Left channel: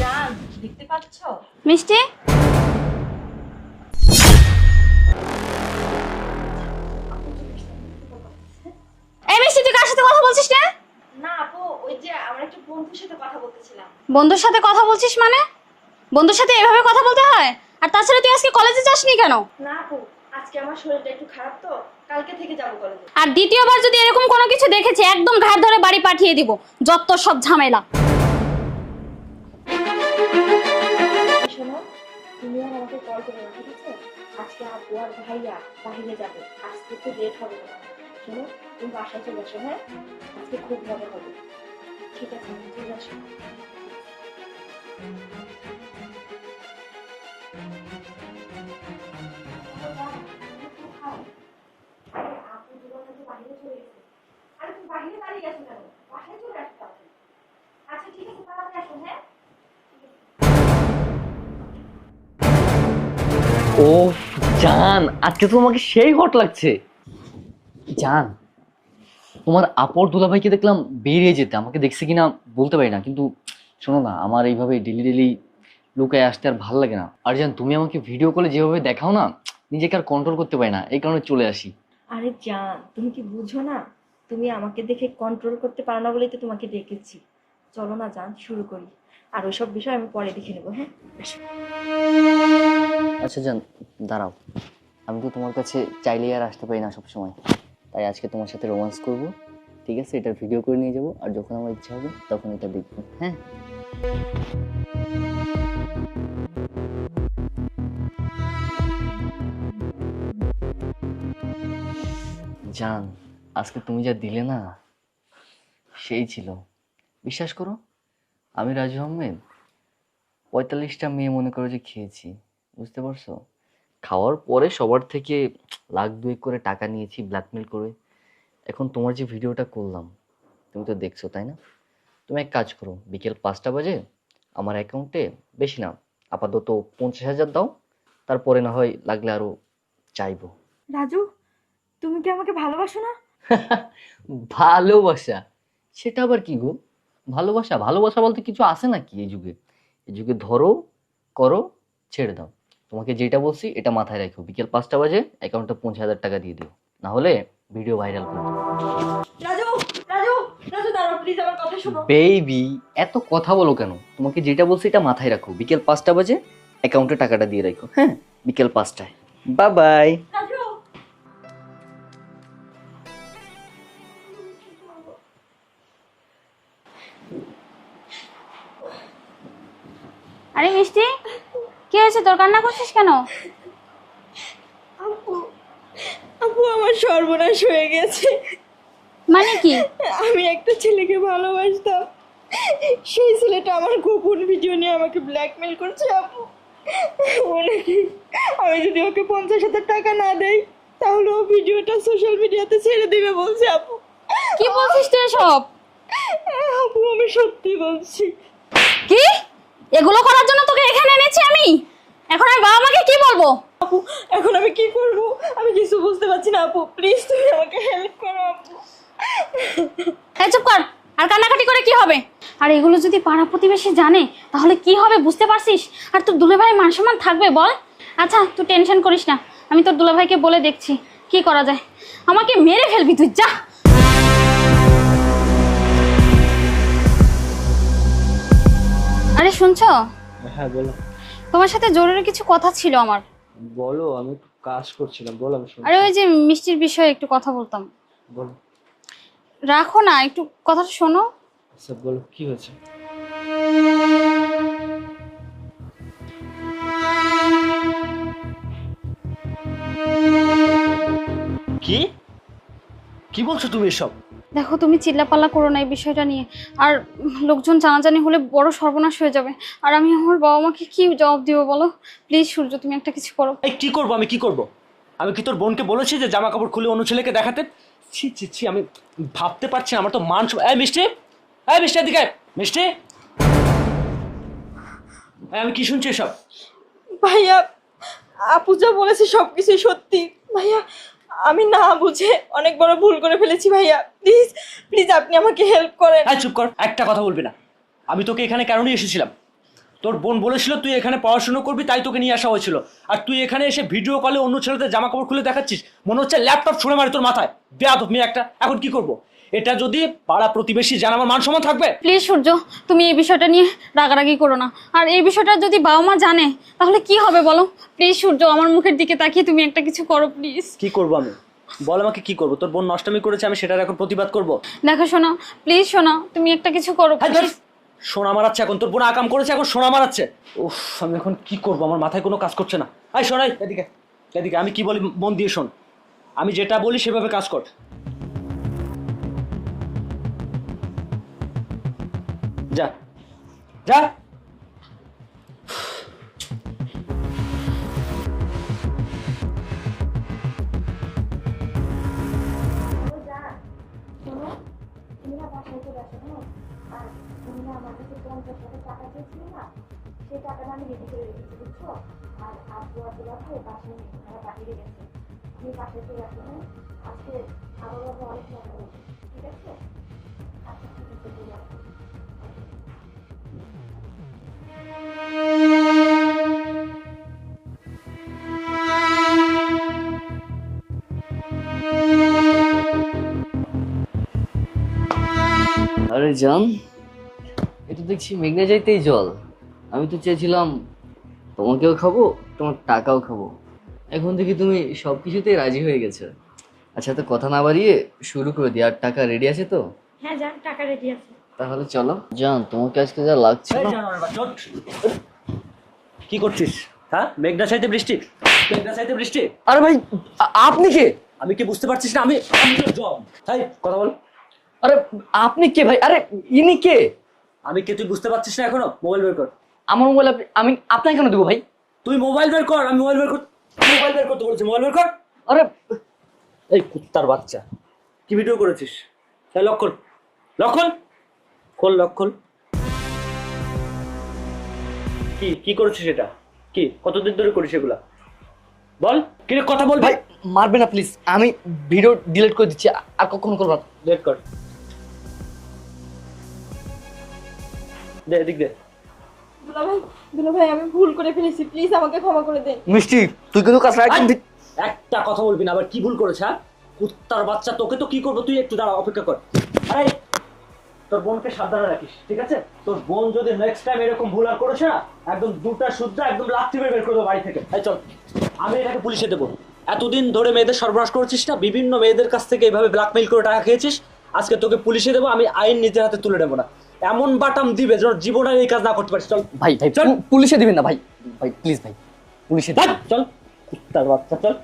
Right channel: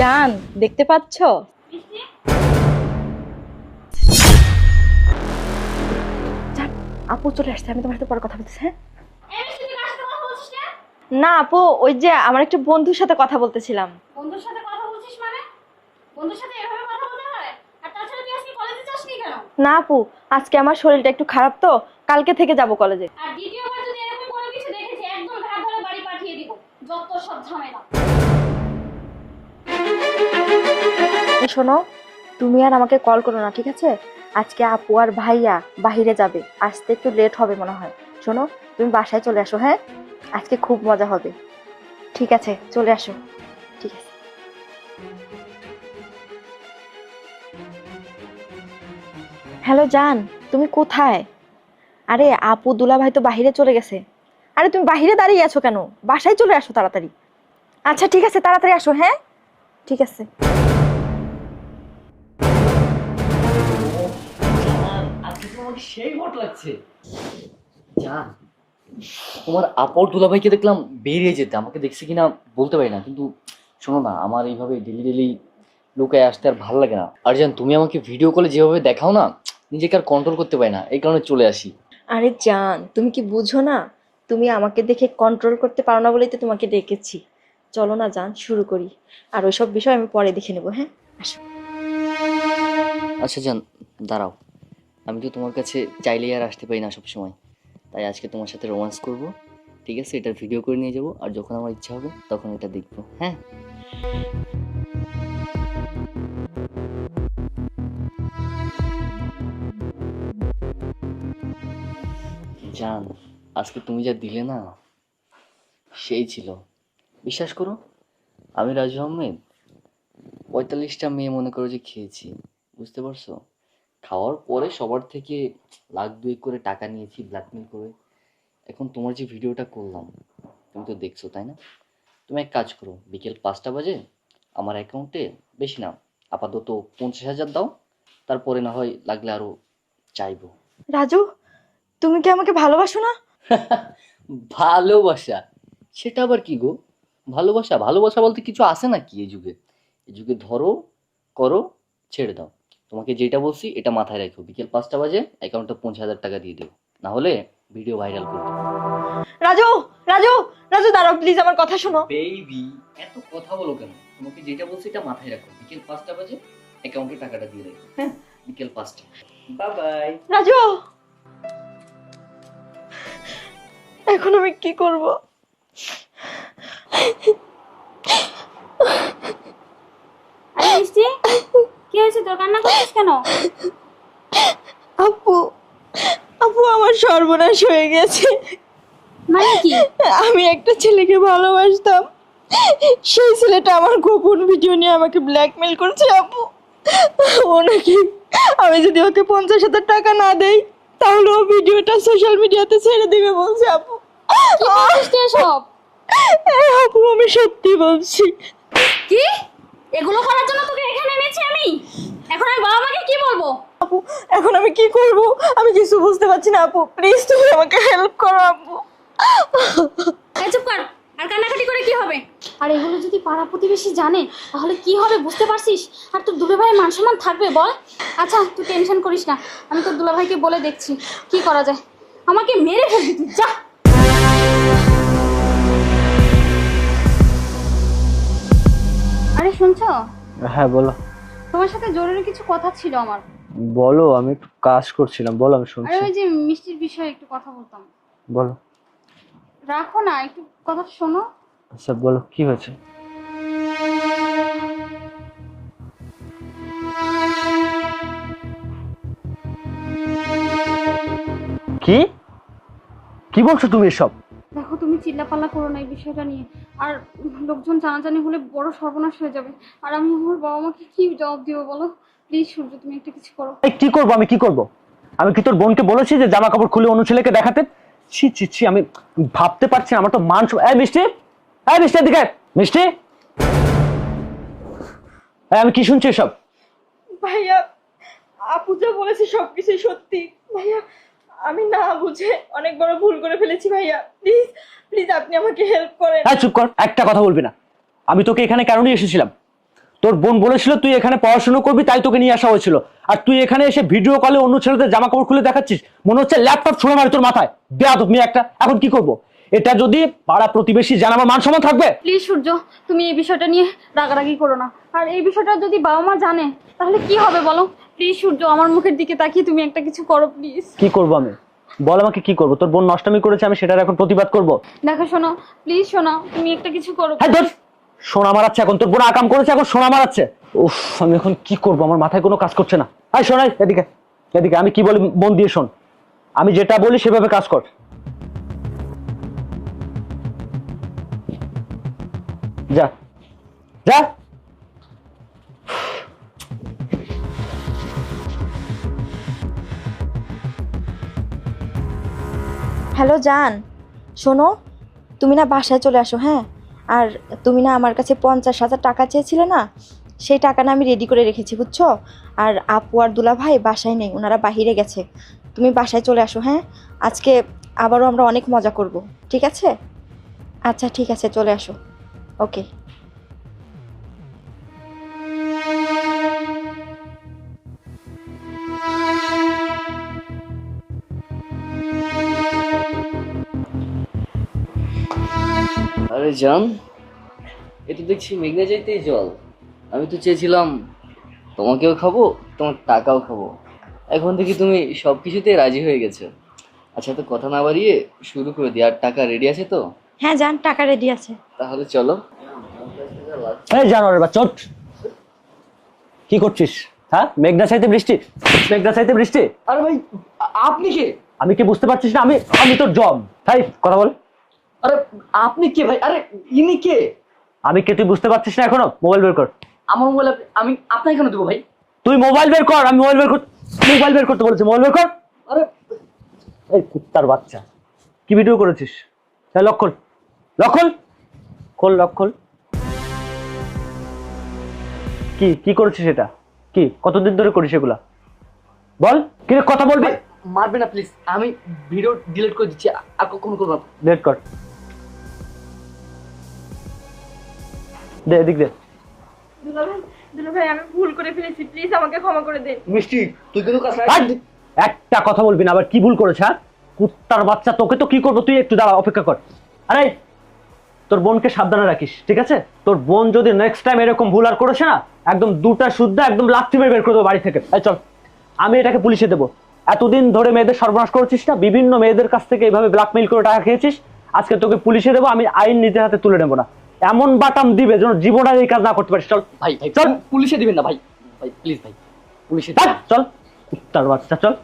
জান দেখতে পাচ্ছ? মিষ্টি? আপু চলে আসছে আমি তোমার সাথে পরে কথা বলতেছি হ্যাঁ? এই মিষ্টি তুই কার সাথে কথা বলছিস না? না আপু ওই যে আমার একটা বন্ধুর সাথে কথা বলতেছিলাম। বন্ধুর সাথে কথা বলছিস মানে? বন্ধুর সাথে এভাবে কথা বলতে হয়? আর তাছাড়া তুই আজকে কলেজে যাসনি কেন? না আপু আজকে আমার শরীরটা একটু খারাপ তো কালকে থেকে যাব কলেজে আর দ্বিতীয়বার যদি এরকম কোনো কিছু দেখেছি একদম ঘাট ধরে বাড়ি পাঠিয়ে দিব যত সব ঝামেলা। শোনো, তুমি আর আমাকে কল করো না, ঠিক আছে? আজকে আপু আর ভাইয়া বাহিরে যাবে, আসতে একটু লেট হবে মনে হয়। শোনো, তুমি বাসায় চলে আসো হ্যাঁ? আজকে খুব মজা হবে। ঠিক আছে, চলে আসো। ঠিক আছে। হ্যালো জান, তুমি কোথায়? আরে, আপু দুলা ভাই তো বাহিরে চলে গেছে। আরে, তুমি বাহিরে দাঁড়িয়ে আছো কেন? বাসায় চলে আসো তাড়াতাড়ি। আচ্ছা ঠিক আছে, তাড়াতাড়ি আসো হ্যাঁ? ঠিক আছে। ও জান, আজকে তো তোমাকে সেই হট লাগছে। জান, তোমার আপর দুলাভাইকে দেখলাম বেরিয়ে যেতে। আমাকে দেখছে কিনা বলতে পারি না, কিন্তু শোনো না, আমার এইভাবে ডেলি ডেলি লোকে আসতে আর ভালো লাগে না। আর জান, তুমি আমাকে ভিডিও কলে যেভাবে দেখাও না, নিজেকে আর কন্ট্রোল করতে পারি না, এই কারণে চলে আসি। আরে জান, তুমি কি বুঝো না? তুমি আমাকে দেখে কন্ট্রোল করতে পারো না বলেই তো তোমাকে ডেকেছি। চলো না জান, শুরু করি। আর ওইসব বিষয় আমি পরে দেখে নেব হ্যাঁ। আচ্ছা জান, দাঁড়াও। আমি তো তোমার কাছে চাইলেই আর আসতে পারি না সবসময়। তাই আজকে তোমার সাথে রোমান্স করব, ঠিক আছে? এটার ভিডিও করে নিয়ে যাব, আর যখন আমার ইচ্ছা হবে, তখন এটা দেখব হ্যাঁ? জান, আজকে তুমি যা দিলে না, সেই ছিল। বিশ্বাস করো, আমি রাজু আহমেদ, পঁয়তাল্লিশটা মেয়ে মনে করো যে খেয়েছি। বুঝতে পারছ? খাওয়ার পরে সবার থেকে লাখ দুয়েক করে টাকা নিয়েছি ব্ল্যাকমেল করে। এখন তোমার যে ভিডিওটা করলাম তুমি তো দেখছ তাই না? তুমি এক কাজ করো বিকেল পাঁচটা বাজে আমার অ্যাকাউন্টে বেশি না আপাতত পঞ্চাশ হাজার দাও তারপরে না হয় লাগলে আরও চাইব। রাজু তুমি কি আমাকে ভালোবাসো না? ভালোবাসা? সেটা আবার কি গো? ভালোবাসা? ভালোবাসা বলতে কিছু আসে নাকি এই যুগে? এই যুগে ধরো করো ছেড়ে দাও। তোমাকে যেটা বলছি এটা মাথায় রাখো। বিকেল পাঁচটা বাজে অ্যাকাউন্টে পঞ্চাশ হাজার টাকা দিয়ে দিও। না হলে ভিডিও ভাইরাল করে দেবো রাজু রাজু রাজু দাঁড়াও প্লিজ আমার কথা শোনো। বেবি এত কথা বলো কেন? তোমাকে যেটা বলছি এটা মাথায় রাখো। বিকেল পাঁচটা বাজে অ্যাকাউন্টে টাকাটা দিয়ে রাখো হ্যাঁ? বিকেল পাঁচটায়। Bye bye Raju! এখন আমি কি করব? আরে মিষ্টি! হয়েছে তোর কান্না করছিস কেন? আপু আপু আমার সর্বনাশ হয়ে গেছে। মানে কি? আমি একটা ছেলেকে ভালোবাসতাম। সেই ছেলেটা আমার গোপন ভিডিও নিয়ে আমাকে ব্ল্যাকমেল করছে আপু। ও নাকি আমি যদি ওকে পঞ্চাশ হাজার টাকা না দেই তাহলে ও ভিডিওটা সোশ্যাল মিডিয়াতে ছেড়ে দিবে বলছে আপু। কি বলছিস তুই হ্যাঁ, আপু আমি সত্যি বলছি। কি? এগুলো করার জন্য তোকে এখানে এনেছি আমি? আপু এখন আমি কি করব? আমি কিছু বুঝতে পারছি না আপু। প্লিজ তুমি আমাকে হেল্প করো আপু। এই চুপ কর। আর কান্নাকাটি করে কি হবে? আর এগুলো যদি পাড়া প্রতিবেশী জানে তাহলে কি হবে বুঝতে পারছিস? আর তোর দুলাভাই মান সম্মান থাকবে বল। আচ্ছা তুই টেনশন করিস না। আমি তোর দুলাভাইকে বলে দেখছি কি করা যায়। আমাকে মেরে ফেলবি তুই যা। আরে শুনছো? হ্যাঁ বলো। তোমার সাথে জরুরি কিছু কথা ছিল আমার। বলো আমি একটু কাজ করছিলাম বলো আমি শুনছি। আরে ওই যে মিষ্টির বিষয়ে একটু কথা বলতাম। বলো। রাখো না একটু কথাটা শোনো। আচ্ছা বলো কি হয়েছে? কি? কি বলছো তুমি এসব? দেখো তুমি চিল্লাপাল্লা করো না এই বিষয়টা নিয়ে। আর লোকজন জানাজানি হলে বড় সর্বনাশ হয়ে যাবে। আর আমি আমার বাবা মাকে কি জবাব দিব বলো? প্লিজ সূর্য তুমি একটা কিছু করো। এই কি করব? আমি কি করব? আমি কি তোর বোনকে বলেছি যে জামা কাপড় খুলে অন্য ছেলেকে দেখাতে? ছি ছি ছি আমি ভাবতে পারছি না আমার তো মান এই মিষ্টি! এই মিষ্টি আয়। মিষ্টি! এই, আমি কি শুনছি সব ভাইয়া আপু যা বলেছে সবকিছুই সত্যি। ভাইয়া আমি না বুঝে অনেক বড় ভুল করে ফেলেছি ভাইয়া। প্লিজ প্লিজ আপনি আমাকে হেল্প করেন। হ্যাঁ চুপ কর। একটা কথা বলবি না। আমি তোকে এখানে নিয়ে এসেছিলাম। তোর বোন বলেছিল তুই এখানে পড়াশোনা করবি, তাই তোকে নিয়ে আসা হয়েছিল। আর তুই এখানে এসে ভিডিও কলে অন্য ছেলেদের জামা কাপড় খুলে দেখাচ্ছিস, মনে হচ্ছে ল্যাপটপ ছুঁড়ে মারি তোর মাথায়। বেয়াদব মেয়ে একটা। এখন কি করব? এটা যদি পাড়া প্রতিবেশী জানাব মান সম্মান থাকবে। প্লিজ সূর্য তুমি এই বিষয়টা নিয়ে রাগারাগি করো না। আর এই বিষয়টা যদি বাবা মা জানে তাহলে কি হবে বলো? প্লিজ সূর্য আমার মুখের দিকে তাকিয়ে তুমি একটা কিছু করো প্লিজ। কি করব আমি? বল আমাকে কি করব? তোর বোন নষ্টামি করেছে আমি সেটার এখন প্রতিবাদ করব? দেখো শোনা প্লিজ শোনা তুমি একটা কিছু করো হ্যাঁ ধর। please। সোনা মারাচ্ছে এখন তোর বোন আকাম করেছে এখন সোনা মারাচ্ছে। উফ আমি এখন কি করব? আমার মাথায় কোনো কাজ করছে না। হাই শোনাই এদিকে এদিকে আমি কি বলি মন দিয়ে শোন। আমি যেটা বলি সেভাবে কাজ কর। যা। হ্যালো, জান। শোনো, তুমি না বাসায় চলে আসো হ্যাঁ? আর তুমি না আমার কাছে পঞ্চাশ হাজার টাকা চেয়েছিলে না? সেই টাকা না আমি রেডি করে রেখেছি, বুঝছ? আর আপু আর দুলা ভাই বাসায় নেই, ওনারা বাহিরে গেছে। তুমি বাসায় চলে আসো হ্যাঁ? আজকে আবারও আমরা অনেক মজা করব, ঠিক আছে? আচ্ছা ঠিক আছে, চলে আসো। ওকে। আরে জান এ তো দেখছি মেঘনা যাইতেই জল। আমি তো চেয়েছিলাম তোমাকেও খাব তোমার টাকাও খাব। এখন থেকে তুমি সব কিছুতেই রাজি হয়ে গেছো। আচ্ছা তো কথা না বাড়িয়ে শুরু করে দিই। আর টাকা রেডি আছে তো? হ্যাঁ জান টাকা রেডি আছে। তাহলে চলো। জান তোমাকে আজকে যা লাগছে এই জানোয়ারের বাচ্চা ওঠ। কি করছিস? হ্যাঁ? মেঘনা চাইতে বৃষ্টি? মেঘনা চাইতে বৃষ্টি? আরে ভাই আ- আপনি কে? আমি কি বুঝতে পারছিস না? আমি আমি তোর জব তাই কথা বল। আরে আপনি কে ভাই? আরে ইনি কে? আমি কে তুই বুঝতে পারছিস না এখনও? মোবাইল বের কর। আমার মোবাইল আমি আপনাকে কেন দেবো ভাই? তুই মোবাইল বের কর আমি মোবাইল বের কর মোবাইল বের করতে বলেছি মোবাইল বের কর। আরে এই কুত্তার বাচ্চা। কি ভিডিও করেছিস? তাই লক্ষণ লক্ষণ খোল। লক্ষণ কি কি করেছিস এটা? কি কতদিন ধরে করিস এগুলা? বল কি কথা বলবে? মারবে না প্লিজ আমি ভিডিও ডিলিট করে দিচ্ছি আর কখনো করব না। ডেট কর। দে এদিক দে। দুলাভাই দুলাভাই আমি ভুল করে ফেলেছি। প্লিজ আমাকে ক্ষমা করে দিন মিষ্টি তুই কিন্তু কাজ একটা কথা বলবি না আবার কি ভুল করেছে হ্যাঁ? কুত্তার বাচ্চা তোকে তো কি করব? তুই একটু দাঁড়া অপেক্ষা কর। আরে তোর বোনকে সাবধানে রাখিস ঠিক আছে? তোর বোন যদি নেক্সট টাইম এরকম ভুল আর করেছে না একদম দুটা শুদ্ধ একদম লাথি মেরে বের করে দেবো বাড়ি থেকে। এই চল আমি এটাকে পুলিশে দেবো। এতদিন ধরে মেয়েদের সর্বনাশ করেছিস না? বিভিন্ন মেয়েদের কাছ থেকে এইভাবে ব্ল্যাকমেইল করে টাকা খেয়েছিস? আজকে তোকে পুলিশে দেবো আমি আইন নিজের হাতে তুলে নেব না। এমন বাটাম দিবে যেন জীবনে এই কাজ না করতে পারিস চল। ভাই ভাই চল। পুলিশে দিবেন না ভাই। ভাই প্লিজ ভাই। পুলিশে চল চল। কুত্তার বাচ্চা চল।